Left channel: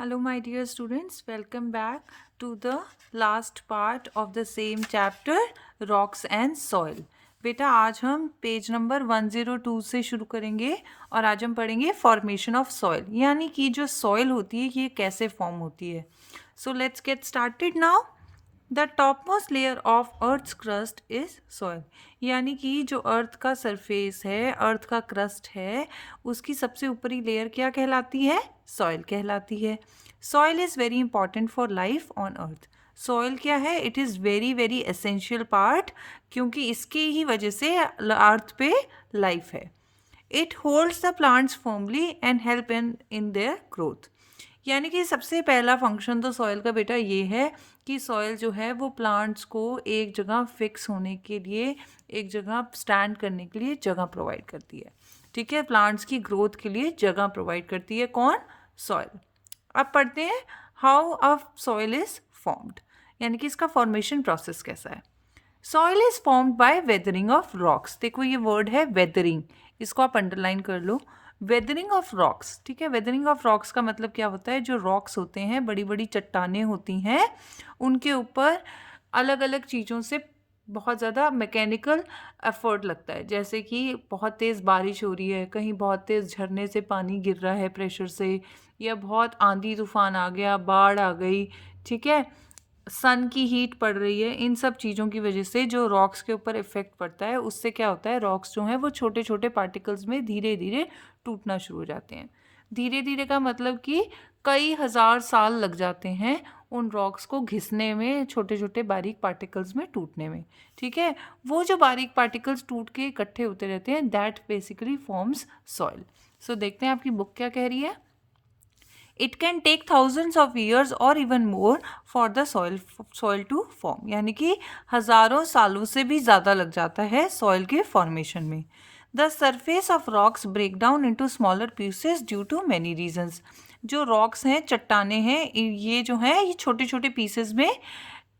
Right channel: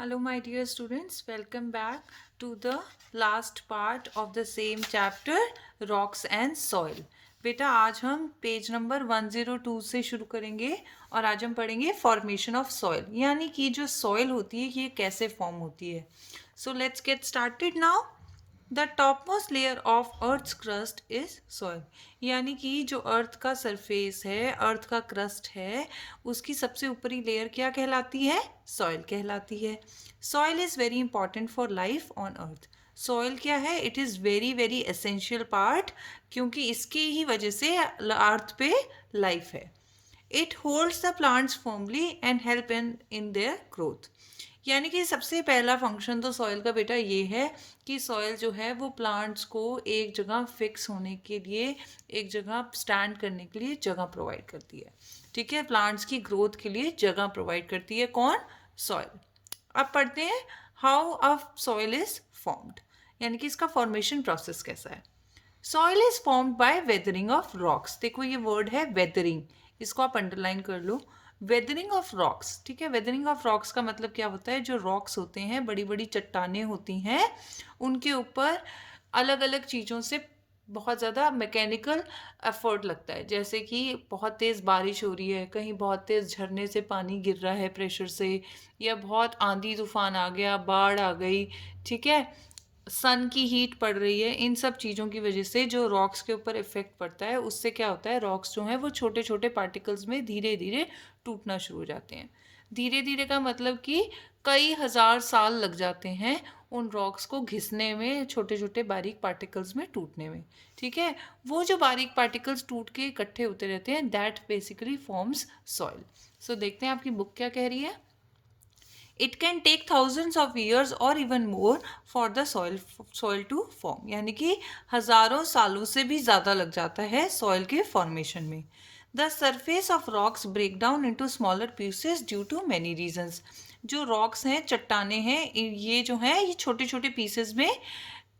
Hello, my dear students. Welcome back to the last part of the same chapter, Rocks and Soil. बेटा आज हम page number 102 से शुरू करेंगे और आज हम पढ़ेंगे फॉर्मेशन ऑफ सॉइल, यानी कि जो सॉइल होती है ये कैसे फॉर्म होती है. So let's get started now. The topmost layer of earth's crust is soil, यानी कि जो अर्थ का सरफेस है, अर्थ का क्रस्ट है, उसकी सबसे ऊपरी लेयर क्या कहलाती है? सॉइल कहलाती है. Soil is very important for life on earth. Soil क्या है? It is very very essential part, क्योंकि इसके ही वजह से अर्थ पे लाइफ है. It holds the plants firmly and help in their growth. यानी कि सबसे पहला फंक्शन तो सॉइल का बेटा ये है कि सॉइल जो है वो प्लांट्स को एक जगह फिक्स होने के लिए, एक जगह स्टैंड करने के लिए जगह प्रोवाइड करती है. ठीक है, प्लांट्स की ग्रोथ के लिए जगह प्रोवाइड करती है कौन? सॉइल. अब पढ़ते हैं how a soil is formed, यानी कि इसका फॉर्मेशन प्रोसेस कैसा है. Soil is formed by weathering of rocks. देखो ये वर्ड है वेदरिंग, इसको आप अंडरलाइन कर लो. वेदरिंग ऑफ रॉक्स, ठीक है. वेदरिंग ऑफ रॉक्स का मतलब क्या होता है? जो रॉक्स होते हैं, बड़ी बड़ी चट्टानें होती हैं, उनके ऊपर अलग अलग चीज़ों से बहुत ज़्यादा मैकेनिकल एफर्ट लगता है. जैसे कि बहुत तेज़ बारिश हो रही है, कहीं बहुत तेज़ झरने से पानी गिर रहा है प्रेशर से, या बहुत आंधी तूफान आ गया, बाढ़ आ गई, ठीक है, सन की हीट पड़ रही है. इन सब चीज़ों की वजह से जो रॉक्स के ऊपर इफेक्ट पड़ता है, उससे क्या होता है? रॉक्स जो हैं वो छोटे छोटे पार्टिकल्स में धीरे धीरे टूटना शुरू हो जाते हैं. धीरे धीरे का मतलब कि कई हजार साल लग जाते हैं उन रॉक्स को घिसने में, छोटे छोटे बारीक पार्टिकल्स में टूटने में. ठीक है, वो जो बारीक पार्टिकल्स टूट के इकट्ठे होते रहते हैं, that basically forms soil. So देखते हैं आपकी बुक क्या कह रही है. It can take thousands of years और even more for the soil to form, यानी कि हज़ारों सालों से भी ज़्यादा लग जाता है सॉइल के फॉर्मेशन में. The surface of rocks break down into smaller pieces due to many reasons. जो रॉक्स हैं, चट्टाने हैं, ये जो हैं ये छोटे छोटे पीसेस में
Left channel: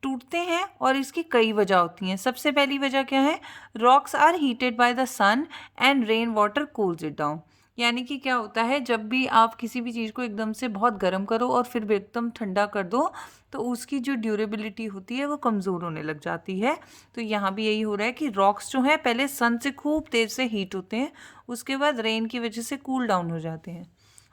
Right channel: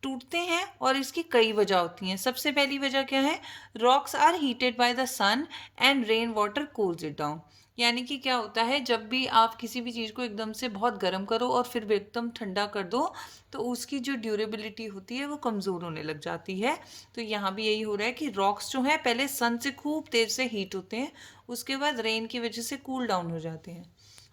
टूटते हैं और इसकी कई वजह होती हैं. सबसे पहली वजह क्या है? Rocks are heated by the sun and rain water cools it down. यानी कि क्या होता है, जब भी आप किसी भी चीज़ को एकदम से बहुत गर्म करो और फिर भी एकदम ठंडा कर दो, तो उसकी जो ड्यूरेबिलिटी होती है वो कमज़ोर होने लग जाती है. तो यहाँ भी यही हो रहा है कि रॉक्स जो हैं पहले सन से खूब तेज़ से हीट होते हैं, उसके बाद रेन की वजह से कूल डाउन हो जाते हैं.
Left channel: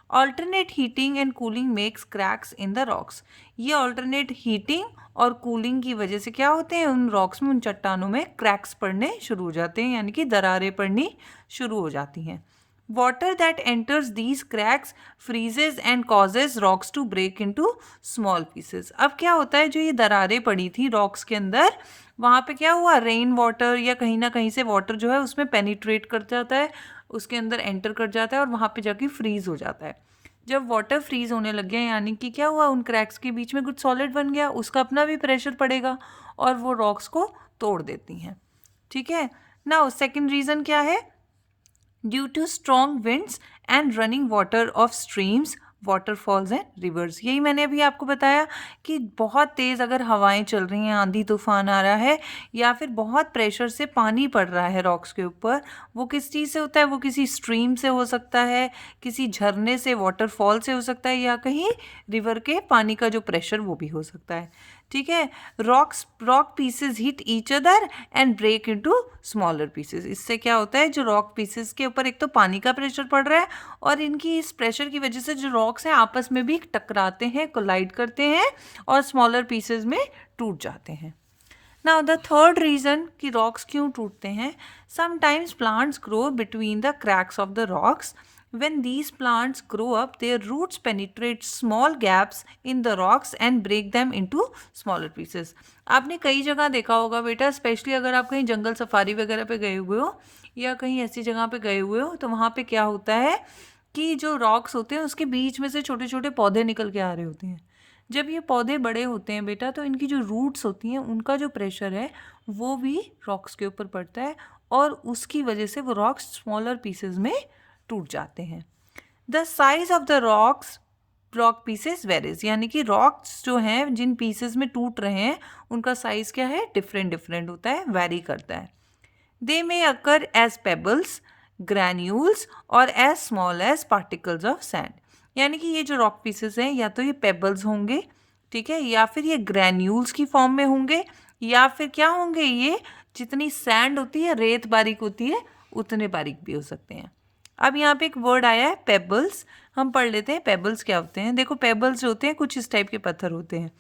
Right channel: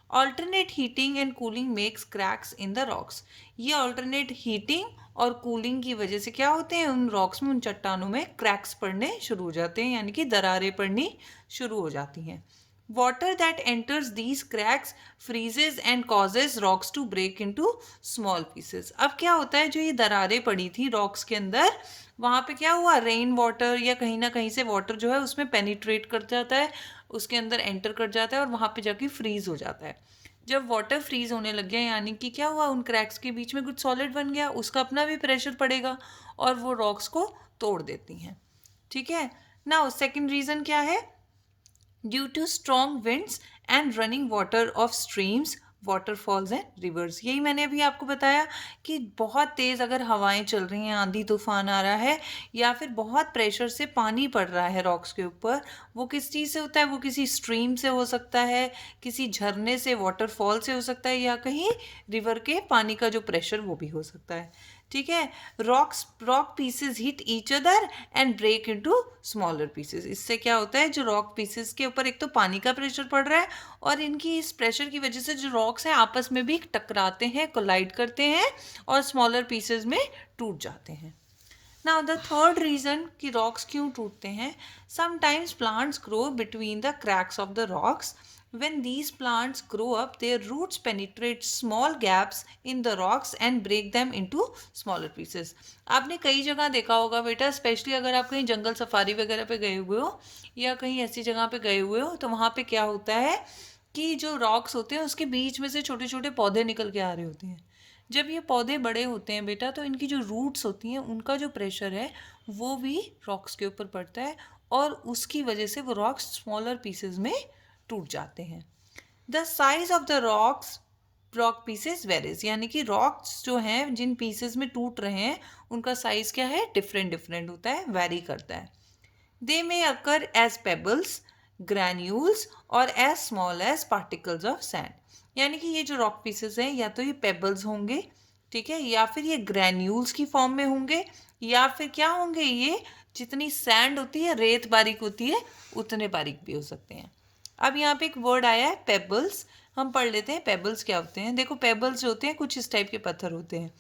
Alternate heating and cooling makes cracks in the rocks. ये ऑल्टरनेट हीटिंग और कूलिंग की वजह से क्या होते हैं? उन रॉक्स में, उन चट्टानों में क्रैक्स पड़ने शुरू हो जाते हैं, यानी कि दरारें पड़नी शुरू हो जाती हैं. Water that enters these cracks freezes and causes rocks to break into small pieces. अब क्या होता है, जो ये दरारें पड़ी थी रॉक्स के अंदर, वहाँ पे क्या हुआ? रेन वाटर या कहीं ना कहीं से वाटर जो है उसमें पेनिट्रेट कर जाता है, उसके अंदर एंटर कर जाता है और वहाँ पे जाके फ्रीज हो जाता है. जब वाटर फ्रीज होने लग गया, यानी कि क्या हुआ? उन क्रैक्स के बीच में कुछ सॉलिड बन गया, उसका अपना भी प्रेशर पड़ेगा और वो रॉक्स को तोड़ देती हैं. ठीक है. नाउ सेकंड रीज़न क्या है? Due to strong winds and running water of streams, waterfalls and rivers. यही मैंने अभी आपको बताया कि बहुत तेज़ अगर हवाएं चल रही हैं, आंधी तूफान आ रहा है, या फिर बहुत प्रेशर से पानी पड़ रहा है रॉक्स के ऊपर, वो किस चीज़ से होता है? वो किसी स्ट्रीम से हो सकता है, किसी झरने से, वाटरफॉल से हो सकता है, या कहीं रिवर के पानी का जो प्रेशर वो भी हो सकता है. ठीक है. Rock pieces hit each other and break into smaller pieces. इससे क्या होता है, जो रॉक पीसेस के ऊपर एक तो पानी का प्रेशर पड़ रहा है, और इनकी इस प्रेशर की वजह से जो रॉक्स हैं आपस में भी टकराते हैं, कोलाइड करते हैं और स्मॉलर पीसेस में टूट जाते हैं. नाउ द थर्ड रीज़न कि रॉक्स क्यों टूटते हैं. Sometimes plants grow between the cracks of the rocks. When these plants grow up, their roots penetrate small gaps in the rocks and break them into smaller pieces. आपने कई जगह देखा होगा बेटा, स्पेशली अगर आप कहीं जंगल सफारी वगैरह पे गए हुए हो या कहीं ऐसी जगह पे गए हुए हो, तो वहाँ पे क्या होता है कि जो रॉक्स होते हैं उसके बीच में से छोटे छोटे पौधे निकल के आ रहे होते हैं. जब ये पौधे बड़े होते हैं बेटा, तो इनकी जो रूट्स होती हैं उनका जो प्रेशर है वो भी रॉक्स के ऊपर पड़ता है, और उसकी वजह से वो रॉक्स स्मॉलर पीसेस में टूट जाते हैं. The size of the rock pieces varies, यानी कि रॉक्स जो हैं जिन पीसेस में टूट रहे हैं उनका साइज क्या है? डिफरेंट डिफरेंट होता है, वेरी करता है. They may occur as pebbles, granules और as small as particles of sand. यानी कि ये जो रॉक पीसेस हैं या तो ये पेबल्स होंगे, ठीक है, या फिर ये ग्रैन्यूल्स की फॉर्म में होंगे, या फिर क्या होंगे, ये जितनी सैंड होती है, रेत बारीक होती है, उतने बारीक भी हो सकते हैं। अब यहाँ पे एक वर्ड आया है पेबल्स, हम पढ़ लेते हैं पेबल्स क्या होते हैं। देखो पेबल्स जो होते हैं कुछ इस टाइप के पत्थर होते हैं।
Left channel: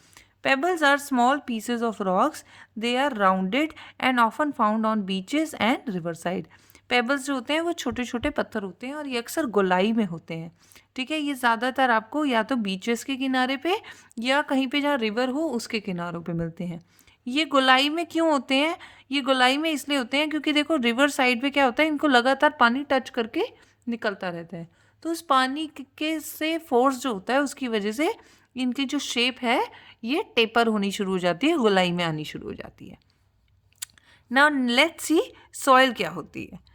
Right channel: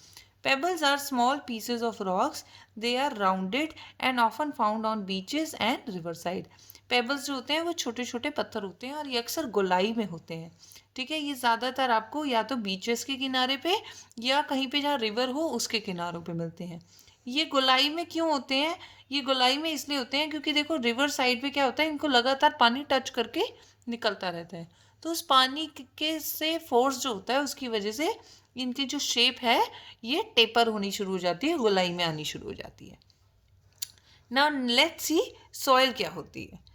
Pebbles are small pieces of rocks, they are rounded and often found on beaches and river side. Pebbles जो होते हैं वो छोटे छोटे पत्थर होते हैं और ये अक्सर गोलाई में होते हैं, ठीक है। ये ज़्यादातर आपको या तो बीचेस के किनारे पे या कहीं पे जहाँ रिवर हो उसके किनारों पे मिलते हैं। ये गोलाई में क्यों होते हैं? ये गोलाई में इसलिए होते हैं क्योंकि देखो रिवर साइड पे क्या होता है, इनको लगातार पानी टच करके निकलता रहता है, तो उस पानी के से फोर्स जो होता है उसकी वजह से इनकी जो शेप है ये टेपर होनी शुरू हो जाती है, गोलाई में आनी शुरू हो जाती है। नाउ लेट्स सी सॉइल क्या होती है।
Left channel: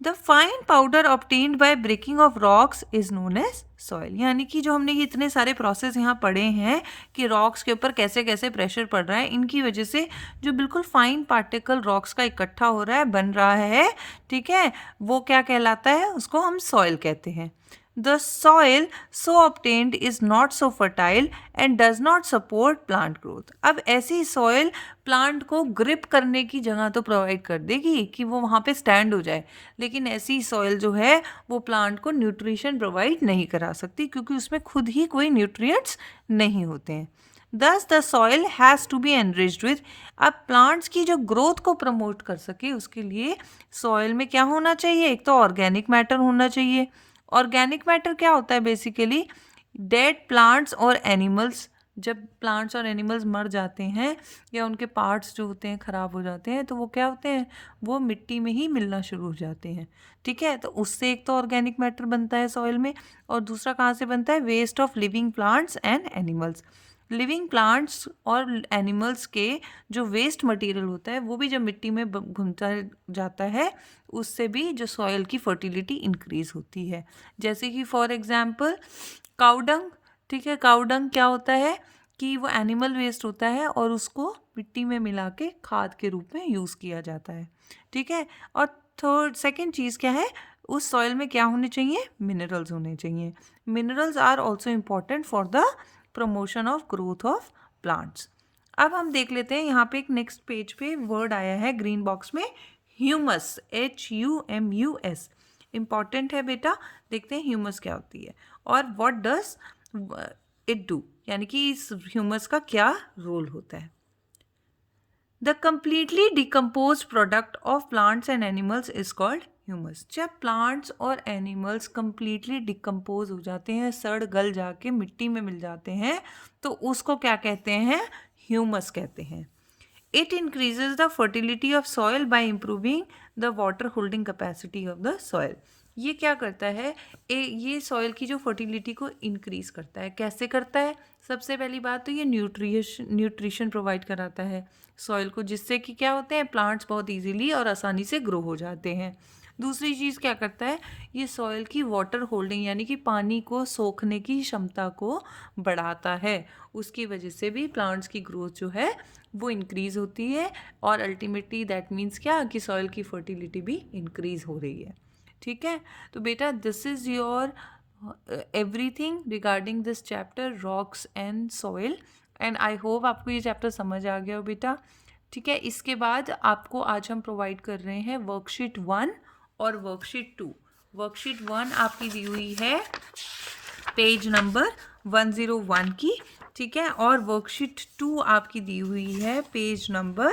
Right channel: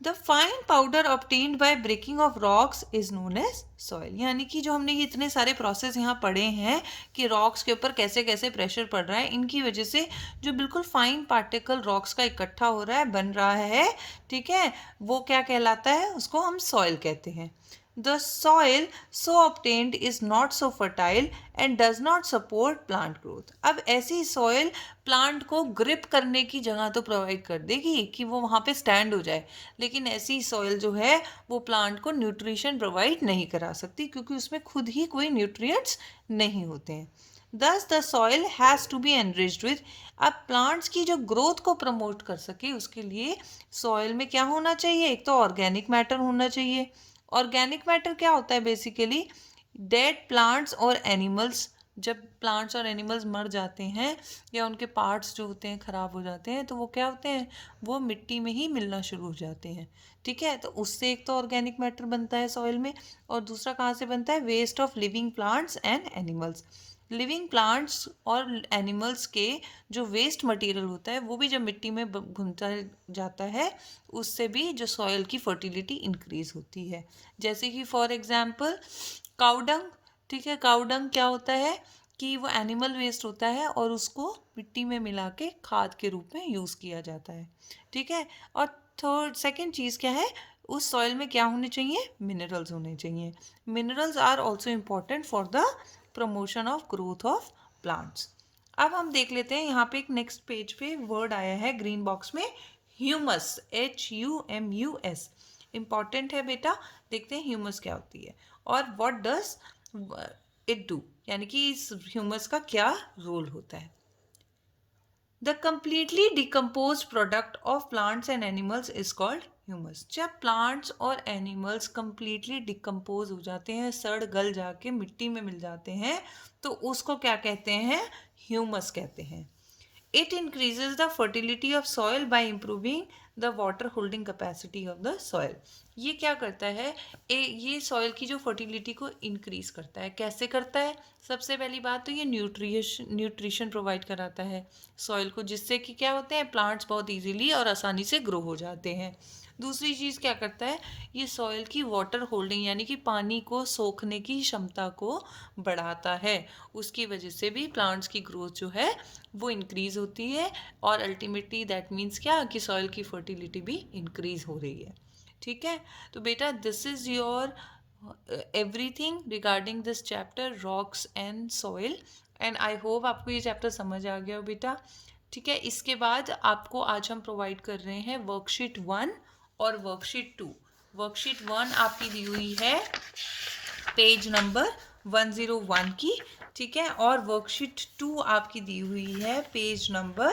The fine powder obtained by breaking of rocks is known as soil. यानी कि जो हमने ये इतने सारे प्रोसेस यहाँ पढ़े हैं कि रॉक्स के ऊपर कैसे कैसे प्रेशर पड़ रहा है, इनकी वजह से जो बिल्कुल फाइन पार्टिकल रॉक्स का इकट्ठा हो रहा है, बन रहा है, ठीक है, वो क्या कहलाता है, उसको हम सॉइल कहते हैं। The soil so obtained is not so fertile and does not support plant growth. अब ऐसी सॉइल प्लांट को ग्रिप करने की जगह तो प्रोवाइड कर देगी कि वो वहाँ पे स्टैंड हो जाए, लेकिन ऐसी सॉइल जो है वो प्लांट को न्यूट्रिशन प्रोवाइड नहीं करा सकती क्योंकि उसमें खुद ही कोई न्यूट्रिएंट्स नहीं होते हैं। Thus the soil has to be enriched with। अब प्लांट्स की जो ग्रोथ को प्रमोट कर सके उसके लिए सॉइल में क्या होना चाहिए, एक तो ऑर्गेनिक मैटर होना चाहिए। ऑर्गेनिक मैटर क्या होता है, बेसिकली डेड प्लांट्स और एनिमल्स। जब प्लांट्स और एनिमल्स मर जाते हैं या उनके पार्ट्स जो होते हैं ख़राब हो जाते हैं तो वो क्या होते हैं, वो मिट्टी में ही मिलना शुरू हो जाते हैं, ठीक है। तो उससे एक तो ऑर्गेनिक मैटर बनता है सॉइल में, और दूसरा कहाँ से बनता है, waste of living plants and animals. Living plants और एनिमल्स के जो वेस्ट मटेरियल होता है वो भी जब मिट्टी में घुमता जाता है उससे भी जो सॉइल की फर्टिलिटी इंक्रीज होती है। जैसे कि फॉर एग्जांपल काउडंग, ठीक है, काउडंग क्या होता है कि वो एनिमल वेस्ट होता है और उसको मिट्टी में मिला के खाद के रूप में यूज़ किया जाता है, ठीक है। और थर्ड सेकंड चीज़ क्या है, उस सॉइल में क्या होने चाहिए, मिनरल्स होने चाहिए। Minerals are also important for the promotion of growth of plants. अब हम देख लेते हैं यहाँ पे एक नेक्स्ट पेज पे वर्ड आया है ग्रीन बॉक्स में, ह्यूमस, HUMUS। इम्पॉर्टेंट है बेटा, देखते हैं ह्यूमस क्या होती है और व्हाट डज इट डू, यानी कि इस ह्यूमस का क्या रोल होता है। The completely decompose product of plants and animals is called humus. जब प्लांट्स और एनिमल्स कम्प्लीटली डिकम्पोज हो जाते हैं, सड़ गल जाके मिट्टी में मिल जाते हैं, तो उसको क्या कहते हैं, ह्यूमस कहते हैं। It increases the fertility of soil by improving the water holding capacity of the soil. ये क्या करता है, ये सॉइल की जो फर्टिलिटी को इंक्रीज करता है। कैसे करता है, सबसे पहली बात तो ये न्यूट्रिशन प्रोवाइड कराता है सॉइल को, जिससे कि क्या होते हैं, प्लांट्स बहुत इजीली और आसानी से ग्रो हो जाते हैं। दूसरी चीज़ क्या करता है, ये सॉइल की वाटर होल्डिंग यानी कि पानी को सोखने की क्षमता को बढ़ाता है। उसकी वजह से भी प्लांट्स की ग्रोथ जो है वो इंक्रीज़ होती है और अल्टीमेटली दैट मीन्स क्या, कि सॉइल की फर्टिलिटी भी इंक्रीज़ हो रही है, ठीक है। तो बेटा this is your everything regarding this chapter rocks and soil, and I hope आपको ये चैप्टर समझ आ गया हो बेटा, ठीक है। इसके बाद आपको आज हम प्रोवाइड कर रहे हैं वर्कशीट 1 और वर्कशीट 2। वर्कशीट 1 आपकी दी हुई है पेज नंबर 101 की, ठीक है, और वर्कशीट 2 आपकी दी हुई है पेज नंबर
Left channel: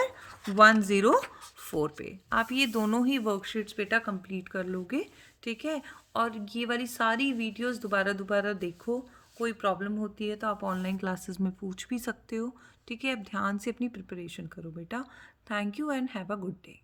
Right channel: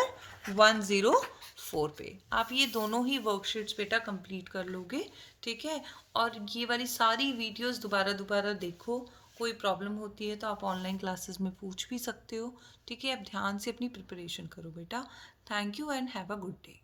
104 पे। आप ये दोनों ही वर्कशीट्स बेटा कंप्लीट कर लोगे, ठीक है। और ये वाली सारी वीडियोस दोबारा दोबारा देखो, कोई प्रॉब्लम होती है तो आप ऑनलाइन क्लासेस में पूछ भी सकते हो, ठीक है। अब ध्यान से अपनी प्रिपरेशन करो बेटा। Thank you and have a good day.